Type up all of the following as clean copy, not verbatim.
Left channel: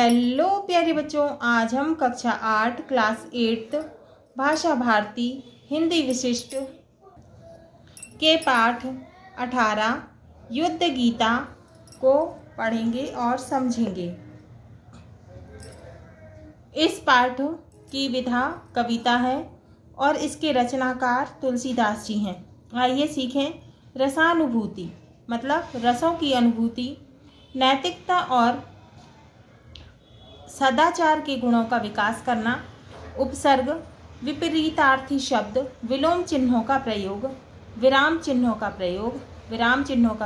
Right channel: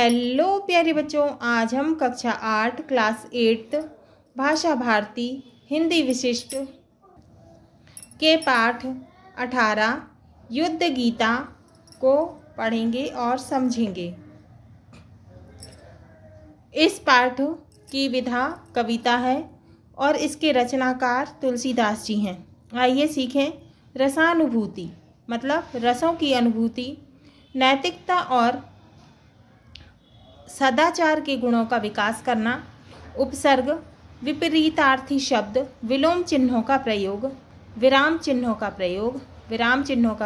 Hello प्यारे बच्चों, आज हम कक्षा 8 क्लास 8 भाषा भारती हिंदी विशिष्ट के पाठ 18 युद्ध गीता को पढ़ेंगे और समझेंगे। इस पाठ की विधा कविता है और इसके रचनाकार तुलसीदास जी हैं। आइए सीखें। रसानुभूति मतलब रसों की अनुभूति, नैतिकता और सदाचार के गुणों का विकास करना। उपसर्ग, विपरीतार्थी शब्द, विलोम चिन्हों का प्रयोग, विराम चिन्हों का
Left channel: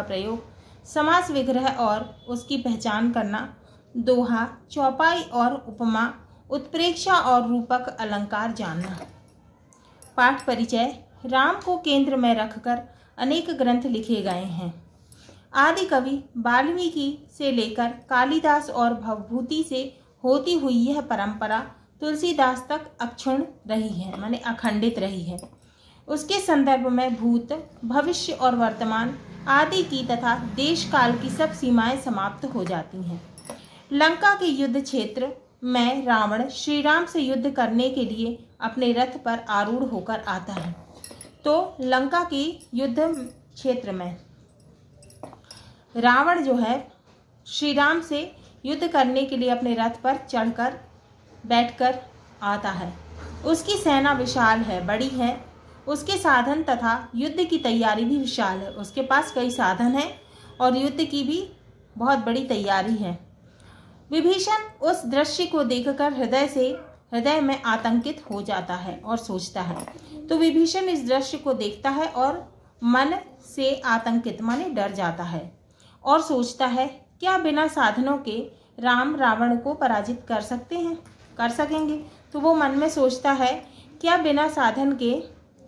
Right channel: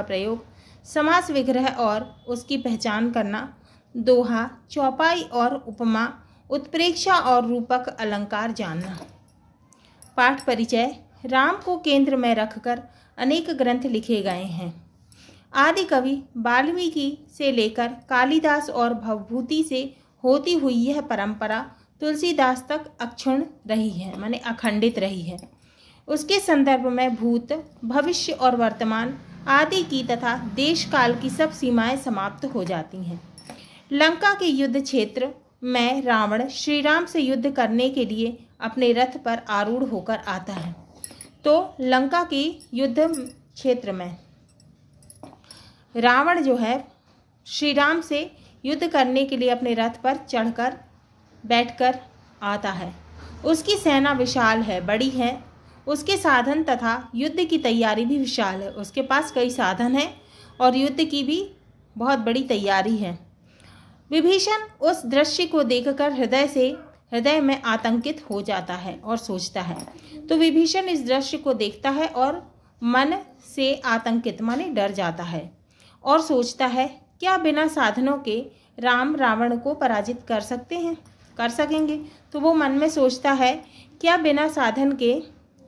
प्रयोग, समास विग्रह और उसकी पहचान करना। दोहा, चौपाई और उपमा, उत्प्रेक्षा और रूपक अलंकार जानना। पाठ परिचय। राम को केंद्र में रखकर अनेक ग्रंथ लिखे गए हैं। आदि कवि वाल्मीकि से लेकर कालिदास और भवभूति से होती हुई यह परंपरा तुलसीदास तक अक्षुण्ण रही है, माने अखंडित रही है। उसके संदर्भ में भूत, भविष्य और वर्तमान आदि की तथा देश काल की सब सीमाएं समाप्त हो जाती हैं। लंका के युद्ध क्षेत्र में रावण श्री राम से युद्ध करने के लिए अपने रथ पर आरूढ़ होकर आता है। तो लंका के युद्ध क्षेत्र में रावण जो है श्री राम से युद्ध करने के लिए अपने रथ पर चढ़कर बैठकर आता है। उसकी सेना विशाल है, बड़ी है। उसके साधन तथा युद्ध की तैयारी भी विशाल है। उसके पास कई साधन हैं और युद्ध की भी बहुत बड़ी तैयारी है। विभीषण उस दृश्य को देखकर हृदय में आतंकित हो जाता है और सोचता है। तो विभीषण इस दृश्य को देखता है और मन से आतंकित माने डर जाता है और सोचता है, क्या बिना साधनों के राम रावण को पराजित कर सकेंगे। तो वो मन में सोचता है, क्या बिना साधन के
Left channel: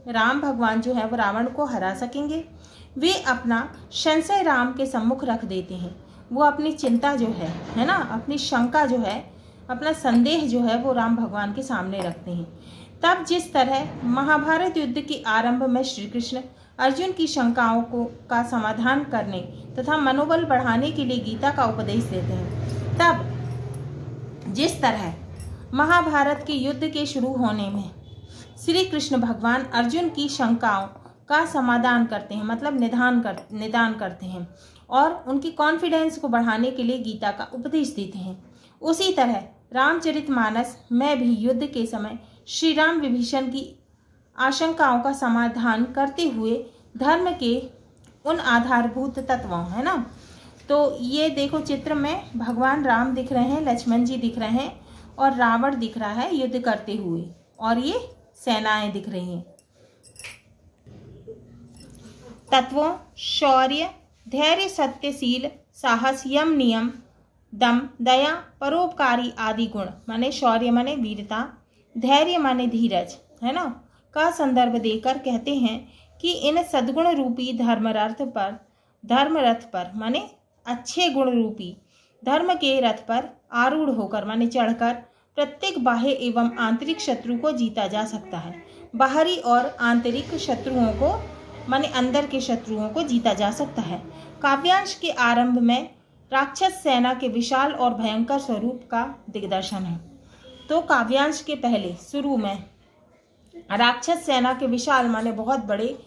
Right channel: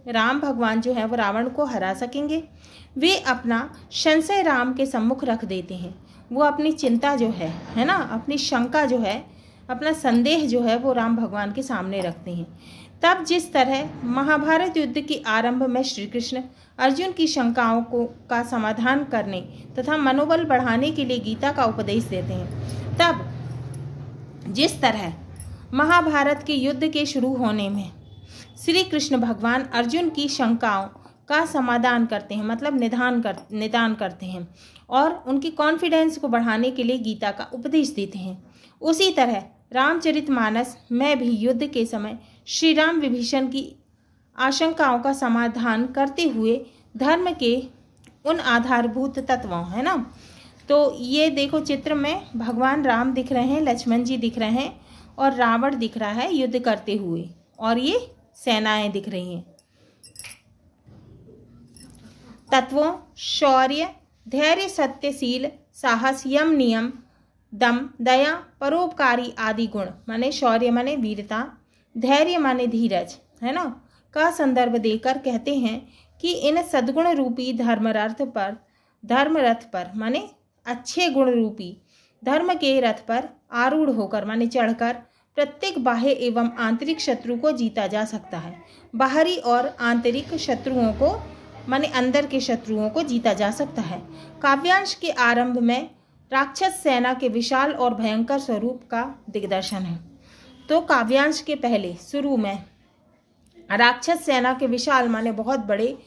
राम भगवान जो है वो रावण को हरा सकेंगे। वे अपना संशय राम के सम्मुख रख देते हैं। वो अपनी चिंता जो है ना, अपनी शंका जो है, अपना संदेह जो है वो राम भगवान के सामने रखते हैं। तब जिस तरह महाभारत युद्ध के आरंभ में श्री कृष्ण अर्जुन की शंकाओं का समाधान करने तथा मनोबल बढ़ाने के लिए गीता का उपदेश देते हैं, तब जिस तरह महाभारत के युद्ध के शुरू होने में श्री कृष्ण भगवान अर्जुन की शंकाओं का समाधान करते हैं, मतलब निदान करते हैं और उनकी कॉन्फिडेंस को बढ़ाने के लिए गीता का उपदेश देते हैं, उसी तरह रामचरितमानस में भी युद्ध के समय श्री राम विभीषण की आशंकाओं का समाधान करते हुए धर्म के उन आधारभूत तत्वों है ना। तो ये देखो चित्र में भगवान राम दिख रहे हैं, लक्ष्मण जी दिख रहे हैं और रावण दिख रहा है युद्ध करते हुए और ये सेनाएं दिख रही हैं। तत्वों शौर्य, धैर्य, सत्यशील, साहस, यम, नियम, दम, दया, परोपकारी आदि गुण माने शौर्य माने वीरता, धैर्य माने धीरज है ना का संदर्भ देकर कहते हैं कि इन सद्गुण रूपी धर्मरथ पर माने अच्छे गुण रूपी धर्म के रथ पर आरूढ़ होकर माने चढ़कर प्रत्येक बाह्य एवं आंतरिक शत्रु को जीता जा सकता है। बाहरी और आंतरिक शत्रुओं को माने अंदर के शत्रुओं को जीता जा सकता है। काव्यांश के आरंभ में राक्षस सेना के विशाल और भयंकर स्वरूप का दिग्दर्शन है। तो काव्यांश के पहले शुरू में राक्षस सेना के विशाल माने बहुत बड़े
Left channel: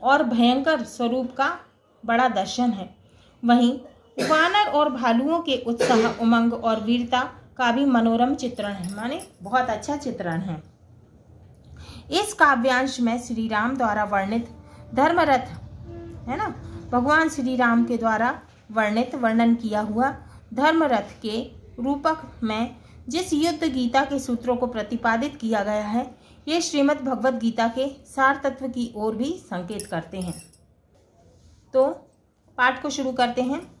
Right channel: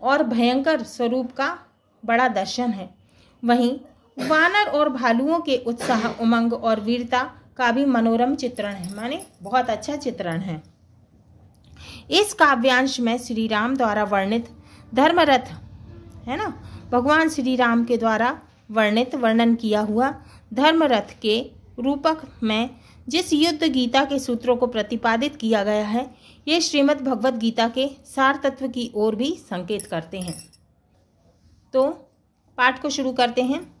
और भयंकर स्वरूप का बड़ा दर्शन है। वहीं वानर और भालुओं के उत्साह, उमंग और वीरता का भी मनोरम चित्रण है, माने बहुत अच्छा चित्रण है। इस काव्यांश में श्री राम द्वारा वर्णित धर्मरथ है ना, भगवान श्री राम के द्वारा वर्णन किया हुआ धर्मरथ के रूपक में जिस युद्ध गीता के सूत्रों को प्रतिपादित किया गया है, ये श्रीमद् भगवद गीता के सार तत्व की ओर भी संकेत करते हैं। तो पाठ को शुरू करते हैं।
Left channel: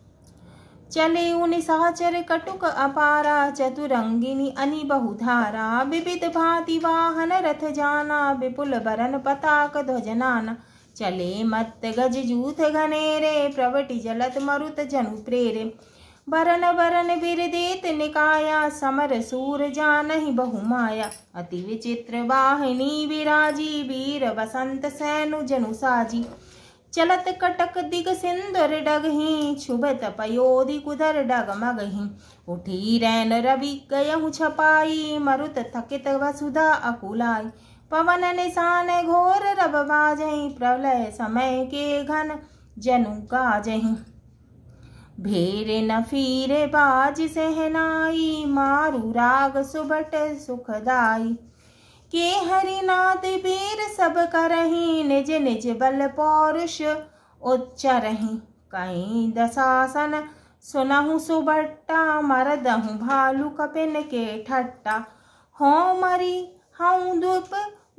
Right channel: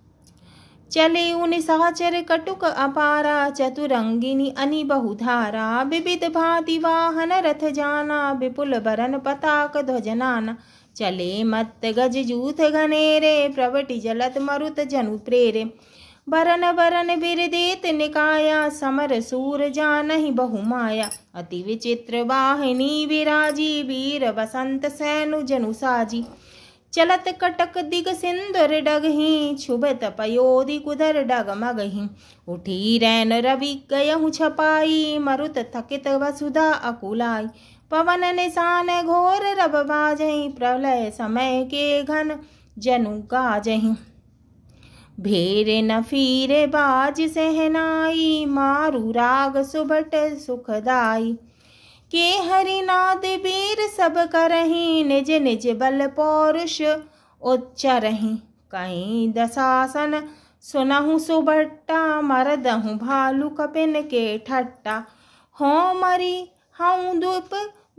चले उन सहचर कटुक अपारा, चतुरंगिनी अनि बहुधारा, विविध भांति वाहन रथ जाना, विपुल बरन पताक ध्वजनाना, चले मत गज जूथ घनेरे, प्रवटि जलत मरुत जनु प्रेरे, बरन बिरदेत निकाया, समर सूर जानहि बहुमाया, अति विचित्र वाहिनी विराजी, वीर बसंत सैनु जनु साजी, चलत कटक दिग सिंदूर डगही, छुबत पयोधि कुदर डगमगही। उठी रैन रवि गयहु छपाई, मरुत थकित वसुधा अकुलाई। पवन निशान घोर रब बाजही, प्रलय समय के घन जनु गाजही। भेरे न फिरे बाज सहनाई, मारु राग सुभट सुखदाई। के हरिनाथ वीर सब करही, निज निज बल पौरुष उच्चरही। कहीं दशासन सुनहु सुभट्टा, मरदहु भालू कपिन के ठट्टा। हो मरी हऊँ दुप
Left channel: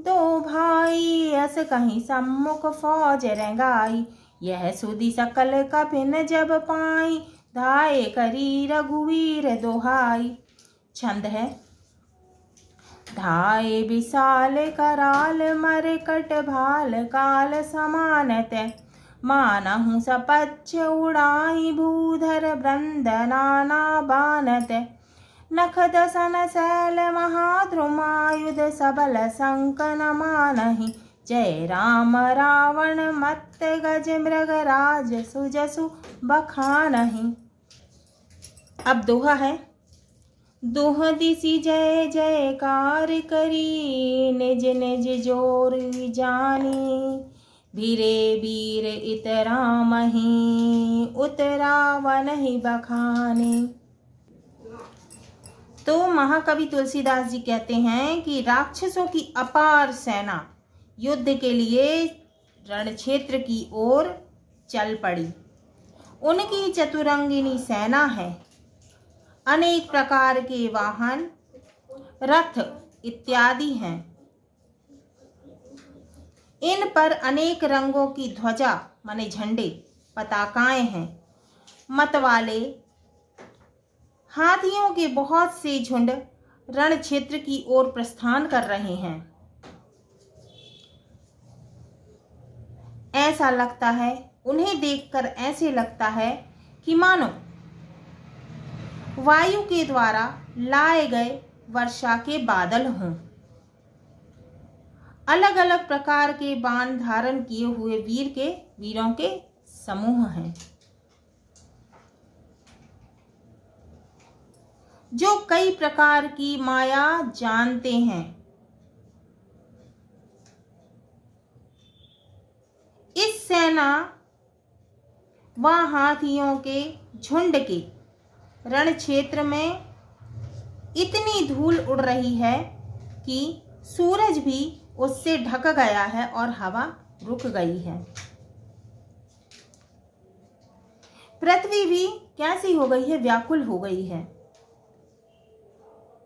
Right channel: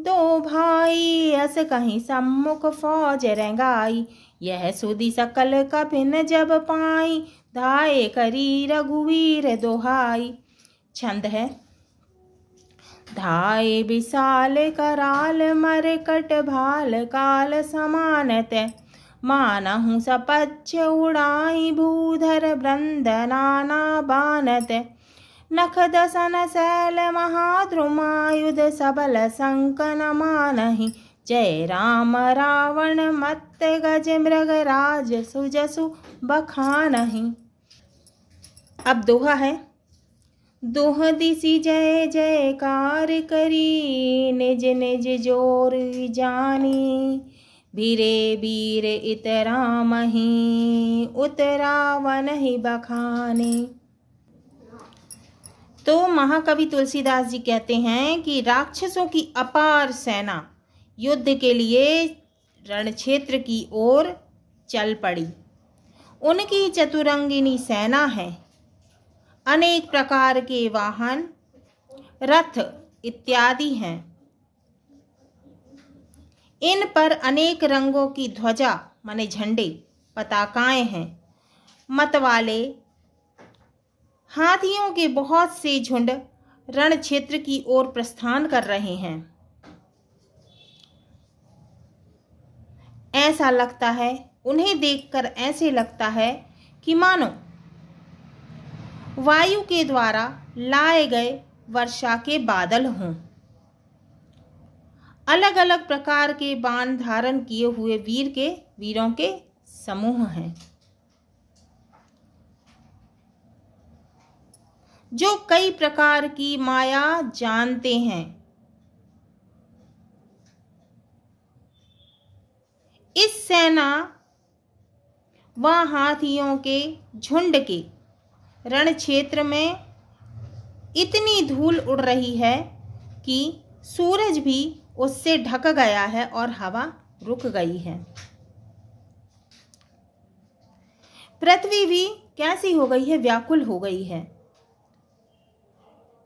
दो भाई, अस कहीं सम्मुख फौज रंगाई। यह सुधि सकल कपिन जब पाई, धाये करी रघुवीर दोहाई। छंद है। धाये विशाल कराल, मरकट भाल काल समानत। मानहु सपच्छ उड़ाई, भूधर वृंद नाना बानत। नख दसन शैल महाद्रुमायुध, सबल संकन मानहि। जय राम रावण मत्त गज मृगराज, सुजसु बखानहि। अब दोहा है। दोह दिसि जय जयकार करी, निज निज जोर जानी। भीरे वीर इतरामहि, उतरावनहि बखाने। तो महाकवि तुलसीदास जी कहते हैं कि राक्षसों की अपार सेना युद्ध के लिए रणक्षेत्र की ओर चल पड़ी। उनकी चतुरंगिनी सेना है। अनेक प्रकार के वाहन, रथ इत्यादि हैं। इन पर अनेक रंगों की ध्वजा माने झंडे, पताकाएं हैं। मतवाले हाथियों के बहुत से झुंड रण क्षेत्र की ओर प्रस्थान कर रहे हैं। ऐसा लगता है, उन्हें देखकर ऐसे लगता है कि मानो वायु के द्वारा लाए गए वर्षा के बादल हों। अलग अलग प्रकार के बाण धारण किए हुए वीरों के समूह हैं, जो कई प्रकार की माया जानते हैं। इस सेना व हाथियों के झुंड के रण क्षेत्र में इतनी धूल उड़ रही है कि सूरज भी उससे ढक गया है और हवा रुक गई है। पृथ्वी भी कैसी हो गई है, व्याकुल हो गई है।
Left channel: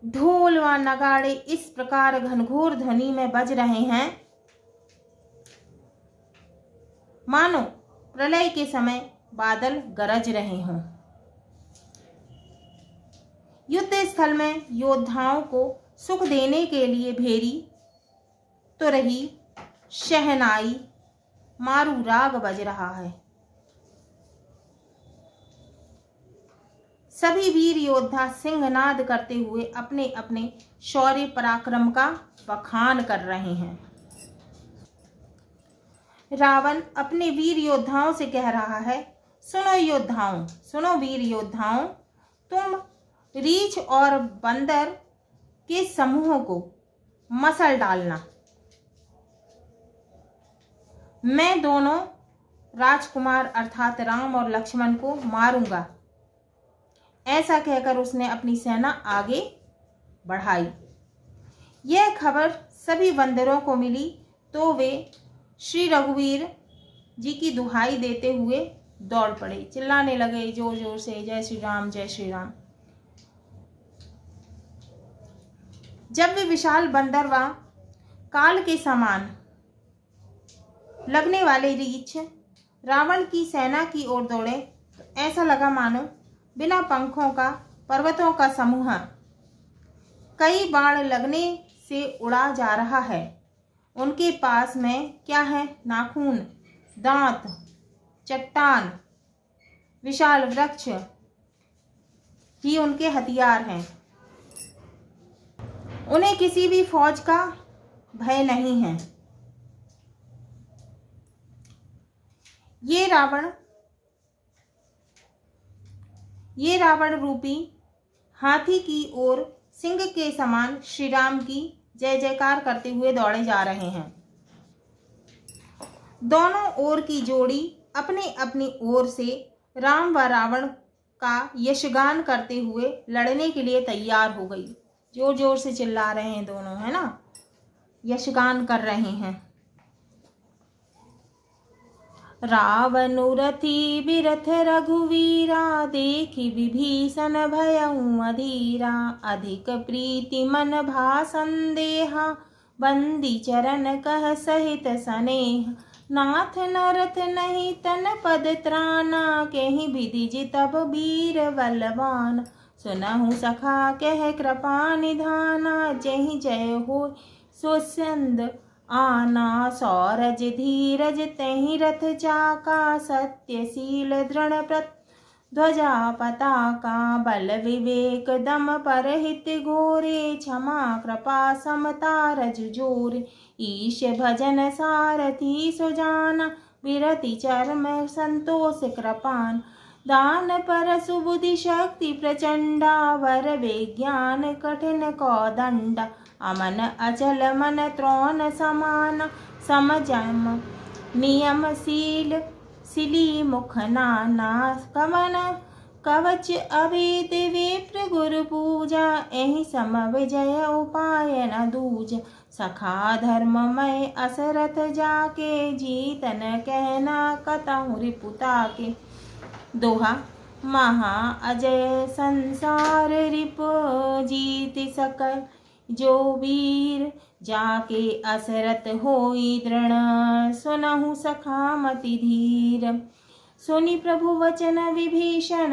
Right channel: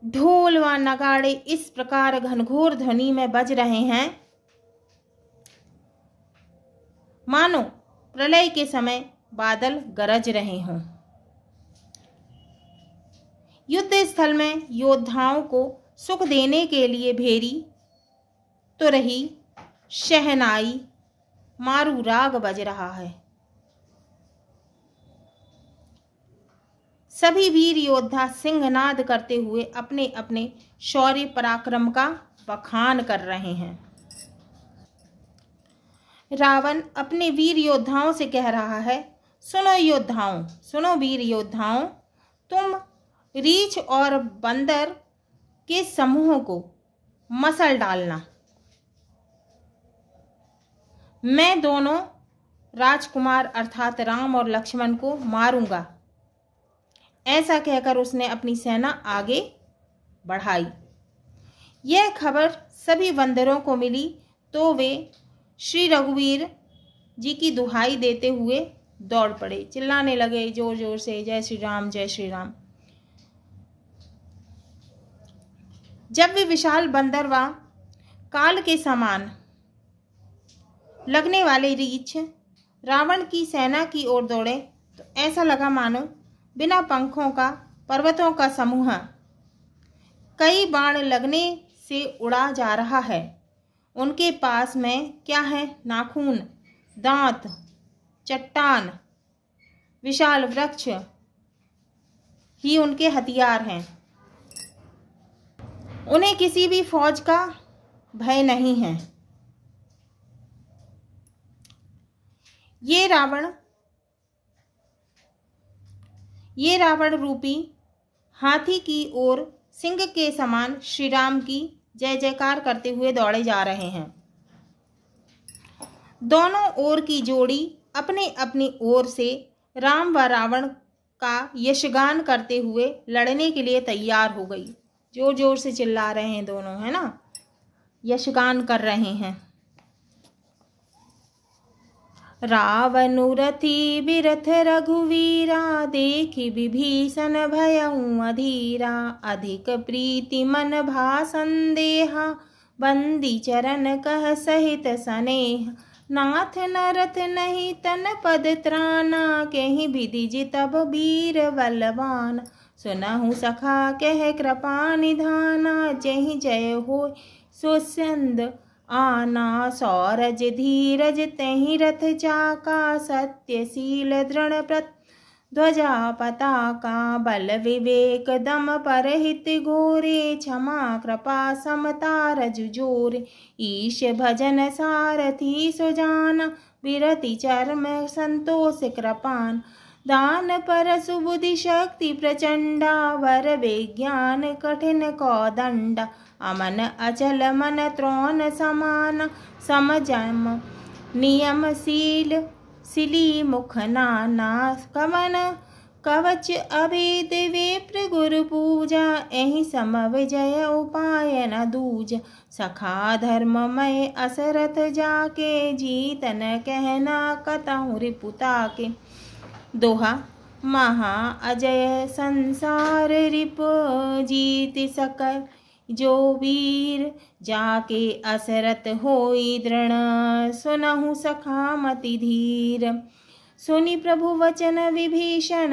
ढोल व नगाड़े इस प्रकार घनघोर ध्वनि में बज रहे हैं, मानो प्रलय के समय बादल गरज रहे हों। युद्ध स्थल में योद्धाओं को सुख देने के लिए भेरी, तुरही, शहनाई, मारू राग बज रहा है। सभी वीर योद्धा सिंहनाद करते हुए अपने अपने शौर्य पराक्रम का बखान कर रहे हैं। रावण अपने वीर योद्धाओं से कह रहा है, सुनो योद्धाओं, सुनो वीर योद्धाओं, तुम रीछ और बंदर के समूह को मसल डालना। मैं दोनों राजकुमार अर्थात राम और लक्ष्मण को मारूंगा। ऐसा कहकर उसने अपनी सेना आगे बढ़ाई। यह खबर सभी बंदरों को मिली तो वे श्री रघुवीर जी की दुहाई देते हुए दौड़ पड़े, चिल्लाने लगे जोर जोर से, जय श्री राम जय श्री राम। जब वे विशाल बंदर व काल के समान लगने वाले रीछ रावण की सेना की ओर दौड़े तो ऐसा लगा मानो बिना पंखों का पर्वतों का समूह कई बाण लगने से उड़ा जा रहा है। उनके पास में क्या है? नाखून, दांत, चट्टान, विशाल वृक्ष ही उनके हथियार हैं। उन्हें किसी भी फौज का भय नहीं है। ये रावण रूपी हाथी की ओर सिंह के समान श्री राम की जय जयकार करते हुए दौड़े जा रहे हैं। दोनों ओर की जोड़ी अपने अपनी ओर से राम व रावण का यशगान करते हुए लड़ने के लिए तैयार हो गई। जोर जोर से चिल्ला रहे हैं दोनों, है ना, यशगान कर रहे हैं। रावनु रथी बिरथ रघुवीरा, देखि विभीषण भयउ अधीरा। अधिक प्रीति मन भा संदेहा, बंदी चरण कह सहित स्नेह। नाथ नरत नहीं तन पद त्राना, कहीं विधि जितब वीर बलवान। सुनहु सखा कह कृपा निधाना, जहि जय हो सुस्यंद आना। सौरज धीरज तहि रथ चाका, सत्यशील दृढ़ ध्वजा पताका। बल विवेक दम परहित घोरे, क्षमा कृपा समता रजु जोरे। ईश भजन सारथी सुजाना, विरति चरम संतोष कृपान। दान पर सुबुद्धि शक्ति प्रचंडा, वर विज्ञान कठिन कौदंडा। अमन अचल मन त्रोण समान, समजम नियमशील सिली मुख नाना। कवन कवच अभेद विप्र गुरु पूजा, एहि सम विजय उपाय न दूजा। सखा धर्ममय असरथ जाके, जीतन कहना कतहु रिपुता के। दोहा महा अजय संसार रिप, जीत सकै जो वीर। जाके असरथ होई दृढ़, सुनहु सखा मति धीर। सुनि प्रभु वचन विभीषण,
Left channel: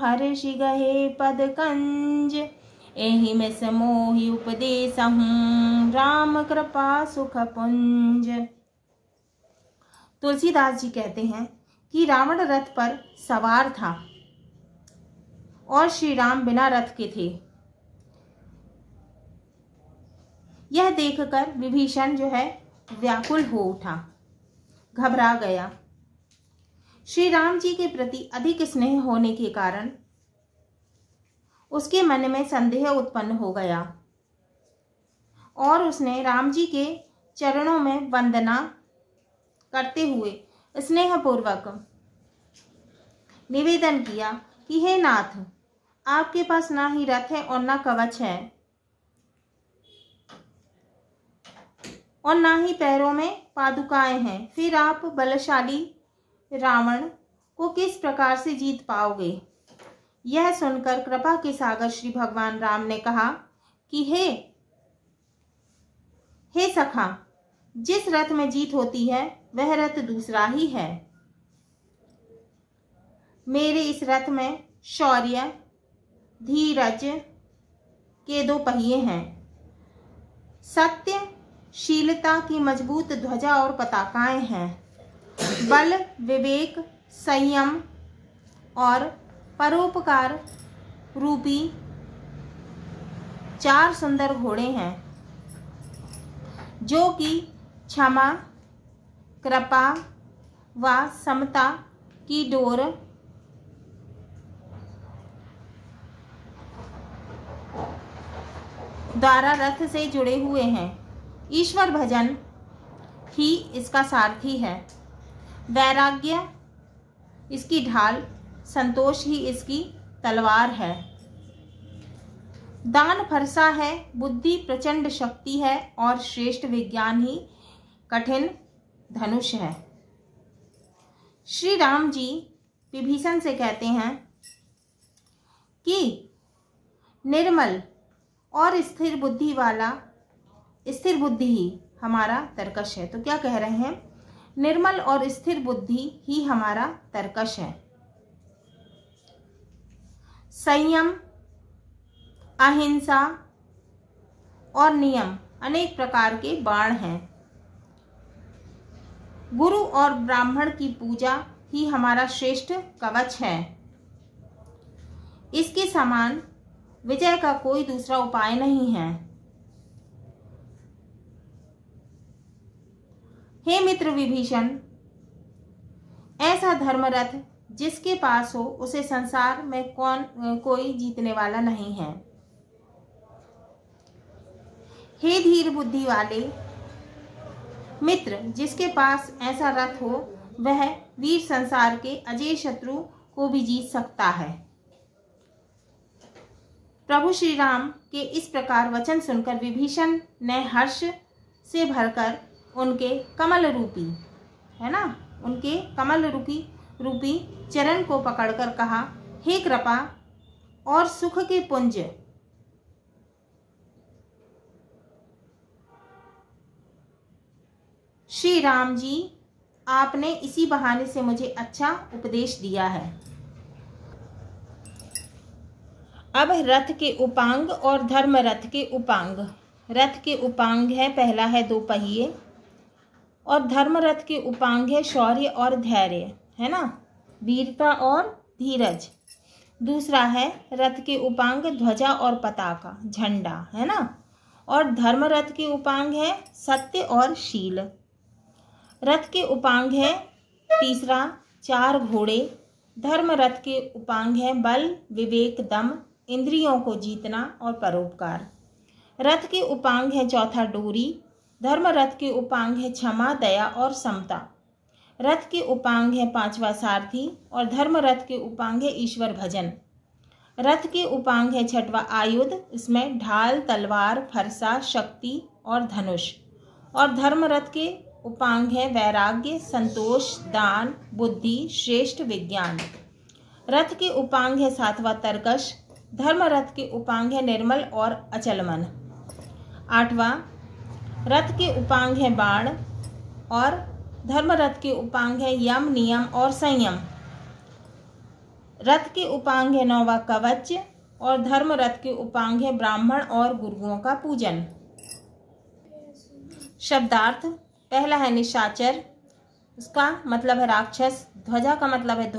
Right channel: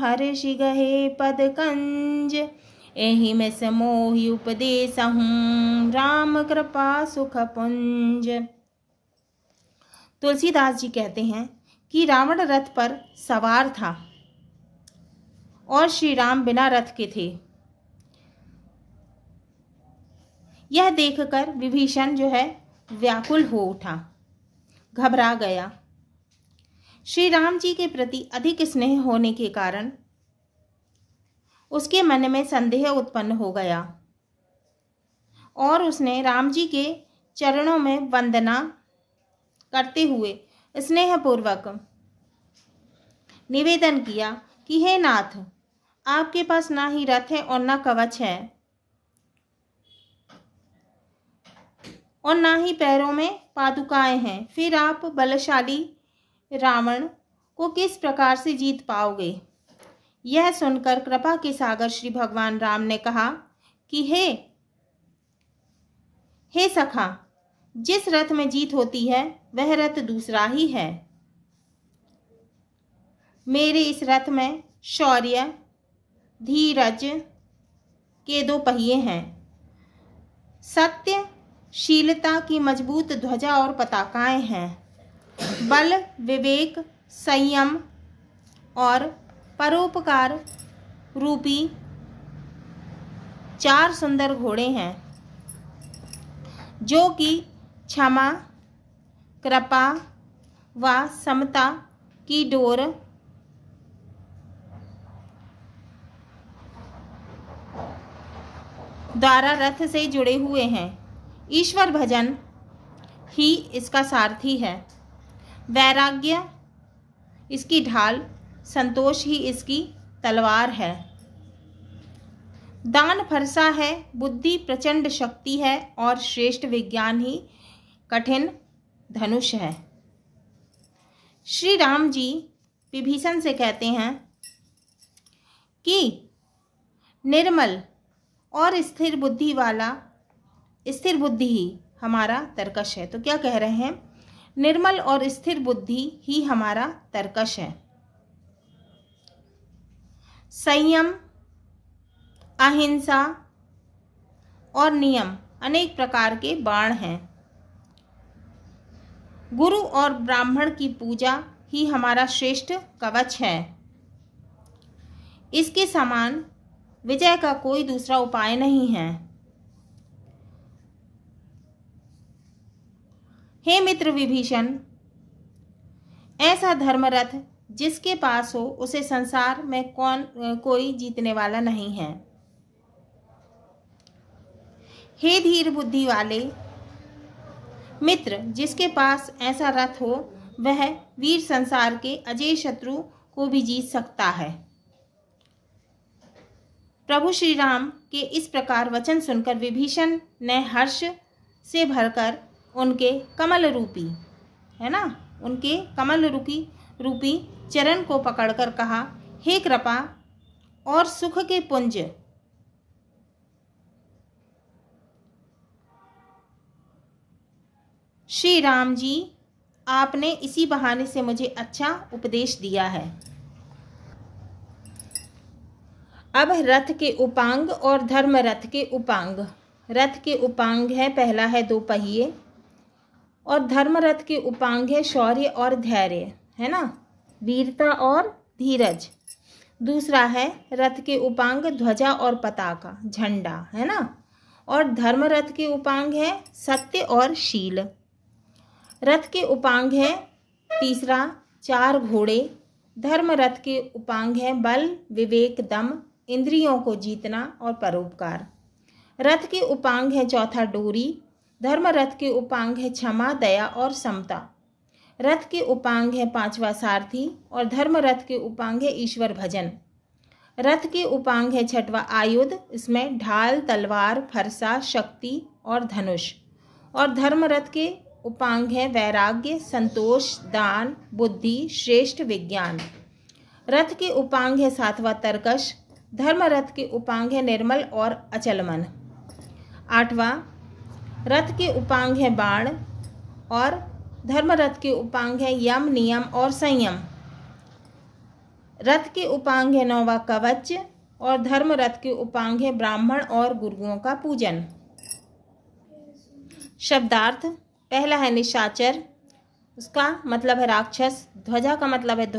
हर्षि गहे पद कंज। एहि में समोहि उपदेसहूँ, राम कृपा सुख पुंज। तुलसीदास जी कहते हैं कि रावण रथ पर सवार था और श्री राम बिना रथ के थे। यह देखकर विभीषण जो है व्याकुल हो उठा, घबरा गया। श्री राम जी के प्रति अधिक स्नेह होने के कारण उसके मन में संदेह उत्पन्न हो गया और उसने राम जी के चरणों में वंदना करते हुए स्नेहपूर्वक निवेदन किया कि हे नाथ, आपके पास ना ही रथ है और ना कवच है और ना ही पैरों में पादुकाएं हैं, फिर आप बलशाली रावण को किस प्रकार से जीत पाओगे। यह सुनकर कृपा के सागर श्री भगवान राम ने कहा कि हे सखा, जिस रथ में जीत होती है वह रथ दूसरा ही है। मेरे इस रथ में शौर्य धीरज के 2 पहिए हैं, सत्य शीलता की मजबूत ध्वजा और पताकाएं हैं, बल विवेक संयम और परोपकार रूपी 4 सुंदर घोड़े हैं, जो कि क्षमा कृपा व समता की डोर द्वारा रथ से जुड़े हुए हैं। ईश्वर भजन ही इसका सारथी है, वैराग्य इसकी ढाल, संतोष ही इसकी तलवार है। दान फरसा है, बुद्धि प्रचंड शक्ति है और श्रेष्ठ विज्ञान ही कठिन धनुष है। श्री राम जी विभीषण से कहते हैं कि निर्मल और स्थिर बुद्धि ही हमारा तर्कश है। तो क्या कह रहे हैं? निर्मल और स्थिर बुद्धि ही हमारा तर्कश है। संयम, अहिंसा और नियम अनेक प्रकार के बाण हैं। गुरु और ब्राह्मण की पूजा ही हमारा श्रेष्ठ कवच है। इसके समान विजय का कोई दूसरा उपाय नहीं है। हे मित्र विभीषण, ऐसा धर्मरथ जिसके पास हो उसे संसार में कोई जीतने वाला नहीं है। हे धीर बुद्धि वाले मित्र, जिसके पास ऐसा रथ हो वह वीर संसार के अजय शत्रु को भी जीत सकता है। प्रभु श्री राम के इस प्रकार वचन सुनकर विभीषण ने हर्ष से भरकर उनके कमल रूपी उनके कमल रूपी चरण को पकड़कर कहा, हे कृपा और सुख के पुंज, श्री राम जी, आपने इसी बहाने से मुझे अच्छा उपदेश दिया है। अब रथ के उपांग और धर्म रथ के उपांग। रथ के उपांग है, पहला है 2 पहिए, और धर्म रथ के उपांग है शौर्य और धैर्य, है ना, वीरता और धीरज। दूसरा है रथ के उपांग ध्वजा और पताका, झंडा, है ना, और धर्म रथ के उपांग है सत्य और शील। रथ के उपांग है तीसरा 4 घोड़े। धर्म रथ के उपांग है बल, विवेक, दम, इंद्रियों को जीतना और परोपकार। रथ के उपांग है चौथा डोरी। धर्म रथ के उपांग है क्षमा, दया और समता। रथ के उपांग है 5वां सारथी, और धर्म रथ के उपांग है ईश्वर भजन। रथ के उपांग है 6वां आयुध, इसमें ढाल, तलवार, फरसा, शक्ति और धनुष। और धर्म रथ के उपांग है वैराग्य, संतोष, दान, बुद्धि, श्रेष्ठ विज्ञान। रथ के उपांग है 7वां तरकश। धर्म रथ के उपांग है निर्मल और अचल मन। 8वां रथ के उपांग है बाण, और धर्म रथ के उपांग है यम, नियम और संयम। रथ के उपांग है 9वां कवच, और धर्म रथ के उपांग है ब्राह्मण और गुरुओं का पूजन। शब्दार्थ, पहला है निशाचर, उसका मतलब है राक्षस। ध्वजा का मतलब है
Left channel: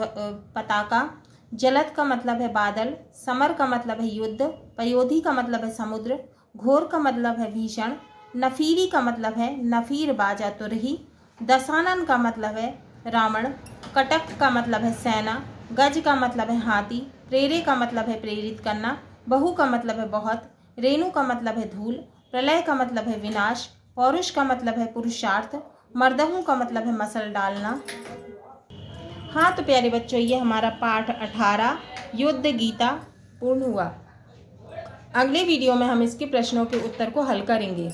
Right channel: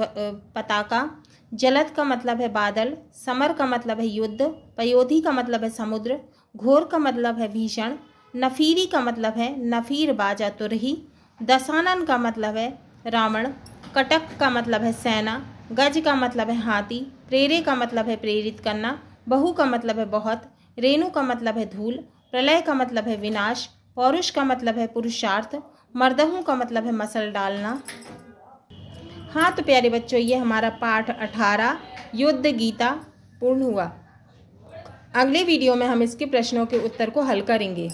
पताका। जलद का मतलब है बादल। समर का मतलब है युद्ध। पयोधी का मतलब है समुद्र। घोर का मतलब है भीषण। नफीरी का मतलब है नफीर बाजा तुरही। दशानन का मतलब है रावण। कटक का मतलब है सेना। गज का मतलब है हाथी। प्रेरे का मतलब है प्रेरित करना। बहु का मतलब है बहुत। रेणु का मतलब है धूल। प्रलय का मतलब है विनाश। पौरुष का मतलब है पुरुषार्थ। मर्दहू का मतलब है मसल डालना। हाँ तो प्यारे बच्चों, ये हमारा पाठ 18 युद्ध गीता पूर्ण हुआ। अगले वीडियो में हम इसके प्रश्नों के उत्तर को हल करेंगे।